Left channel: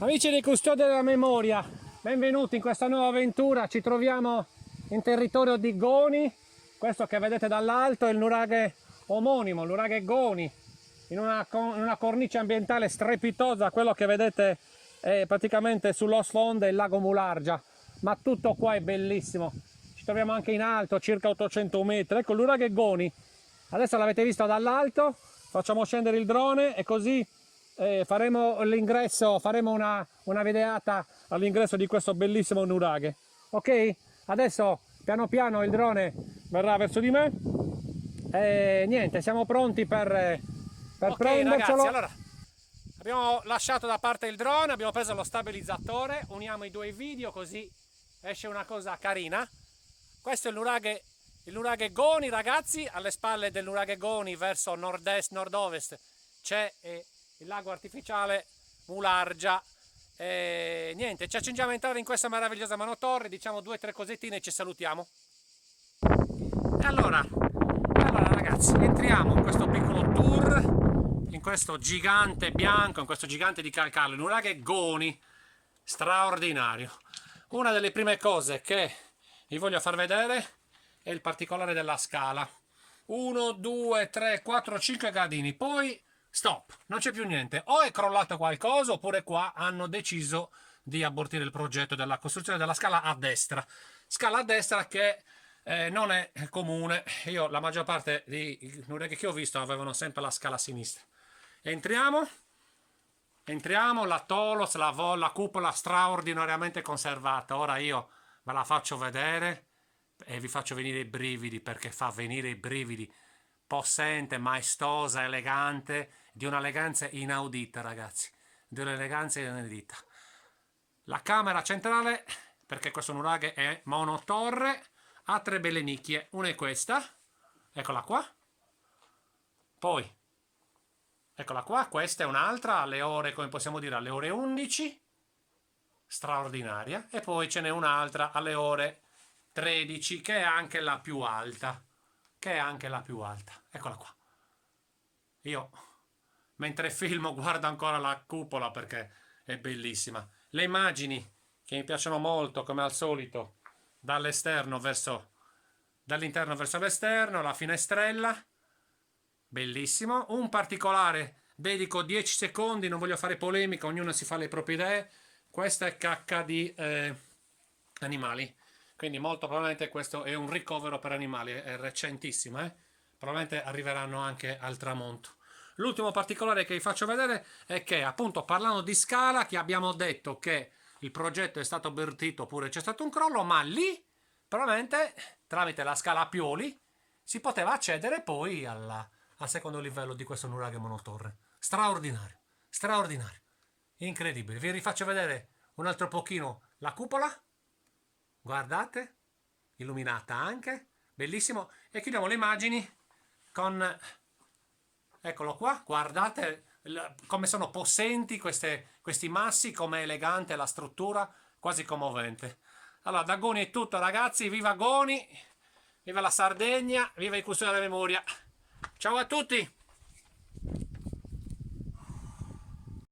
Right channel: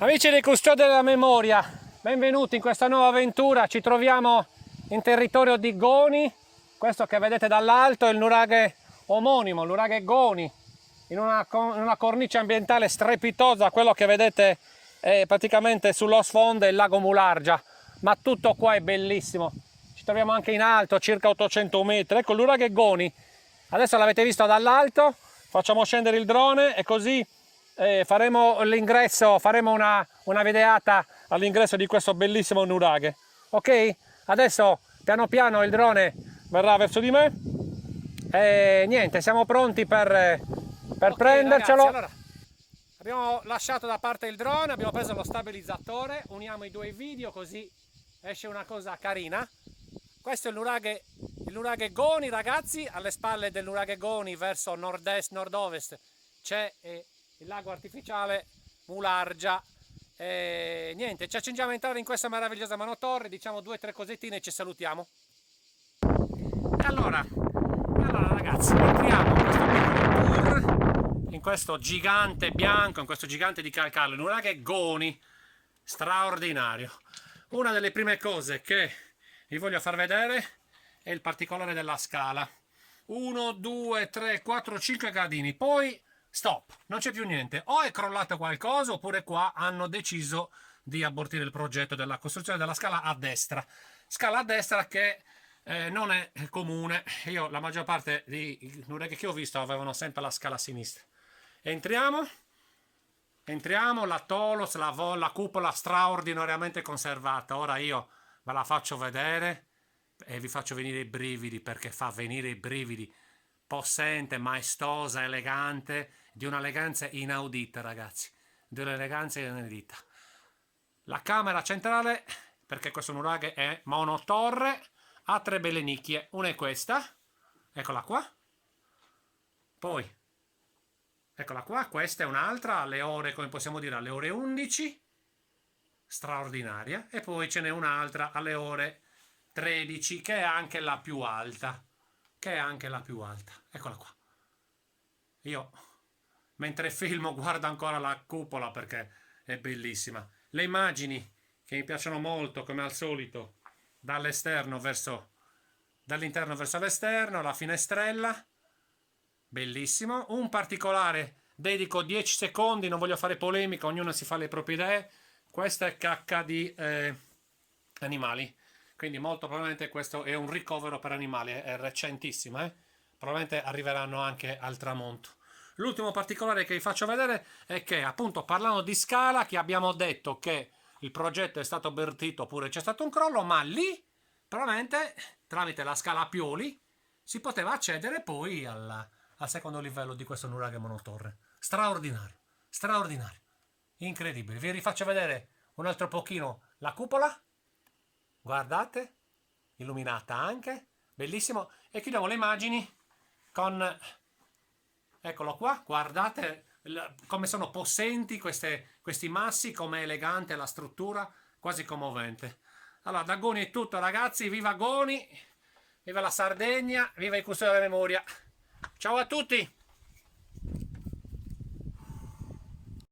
Amici dei Custodi della Memoria, benvenuti in questa nuova avventura. Ci troviamo in territorio di Goni. Questo che vedete dall'alto è il nuraghe omonimo, il nuraghe Goni, in una cornice ambientale strepitosa. Quello che vedete è praticamente sullo sfondo il lago Mulargia, ma tutto qua è bellissimo. Ci troviamo anche in alto, circa 800 metri. Ecco il nuraghe Goni. Adesso l'avete visto dall'alto, facciamo scendere il drone e così faremo l'ingresso, faremo una videata all'ingresso di questo bellissimo nuraghe. Ok? Adesso piano piano il drone verrà verso di me e niente, siamo pronti per prendercelo. Ragazzi, allora abbiamo lasciato da parte il drone, abbiamo preso lo stabilizzatore, uniamo i due video così esce una cosa carina. Questo è il nuraghe Goni, ragazzi. Alle spalle del nuraghe Goni verso nord-est, nord-ovest c'è il lago artificiale Mulargia. Niente, ci accingiamo a entrare in questa meravigliosa manotorre, diciamo 2 o 3 cosettine e ci salutiamo. E allora ragazzi, entriamo in questo piccolo tour, in questo gigante bianco, in questo gigante di calcare, il nuraghe Goni, straordinario. Una delle prime cose che vi voglio far vedere è il particolare della scala. 1, 2, 3, 4, 5 gradini, poi stop, non c'è più niente. O è crollato qualcosa oppure qua hanno deciso di abortire il progetto della costruzione della scala a destra. Scala a destra che non è comune. Io la maggior parte dei nuraghe che ho visto avevano sempre la scala a sinistra. Entriamo, la Tolos, la cupola straordinariamente conservata. Ora io ve la faccio vedere e vi faccio venire i brividi, perché fa venire i brividi. Possente, maestosa, elegante, di un'eleganza inaudita, ragazzi, di un'eleganza inaudita. La camera centrale, perché questo nuraghe è monotorre, ha 3 belle nicchie. Una è questa, eccola qua, poi eccola qua, questa è un'altra alle ore, come possiamo dire, alle ore 11, straordinaria, e poi ce n'è un'altra alle ore 13 che è anche la più alta. Eccola qua. Io mentre filmo guardo ancora la cupola perché è bellissima. Le immagini che mi piacciono molto, come al solito, dall'interno verso l'esterno, la finestrella, bellissimo. Un particolare, dedico 10 secondi, non voglio fare polemica, ognuno si fa le proprie idee. Questa è cacca di animali. Quindi molto probabilmente questo è un ricovero per animali, è recentissima, probabilmente arriveranno anche al tramonto. L'ultimo particolare che vi faccio vedere è che, appunto, parlando di scala, che abbiamo detto che il progetto è stato avvertito oppure c'è stato un crollo, ma lì probabilmente tramite la scala a pioli si poteva accedere poi al secondo livello di questo nuraghe monotorre. Straordinario, straordinario, incredibile. Vi rifaccio vedere un altro pochino la cupola. Guardate, illuminata anche, bellissimo. E chiudiamo le immagini con, eccolo qua, guardate come sono possenti questi massi, com'è elegante la struttura, quasi commovente. Allora, da Goni è tutto, ragazzi. Viva Goni, viva la Sardegna, viva i Custodi della Memoria. Ciao a tutti!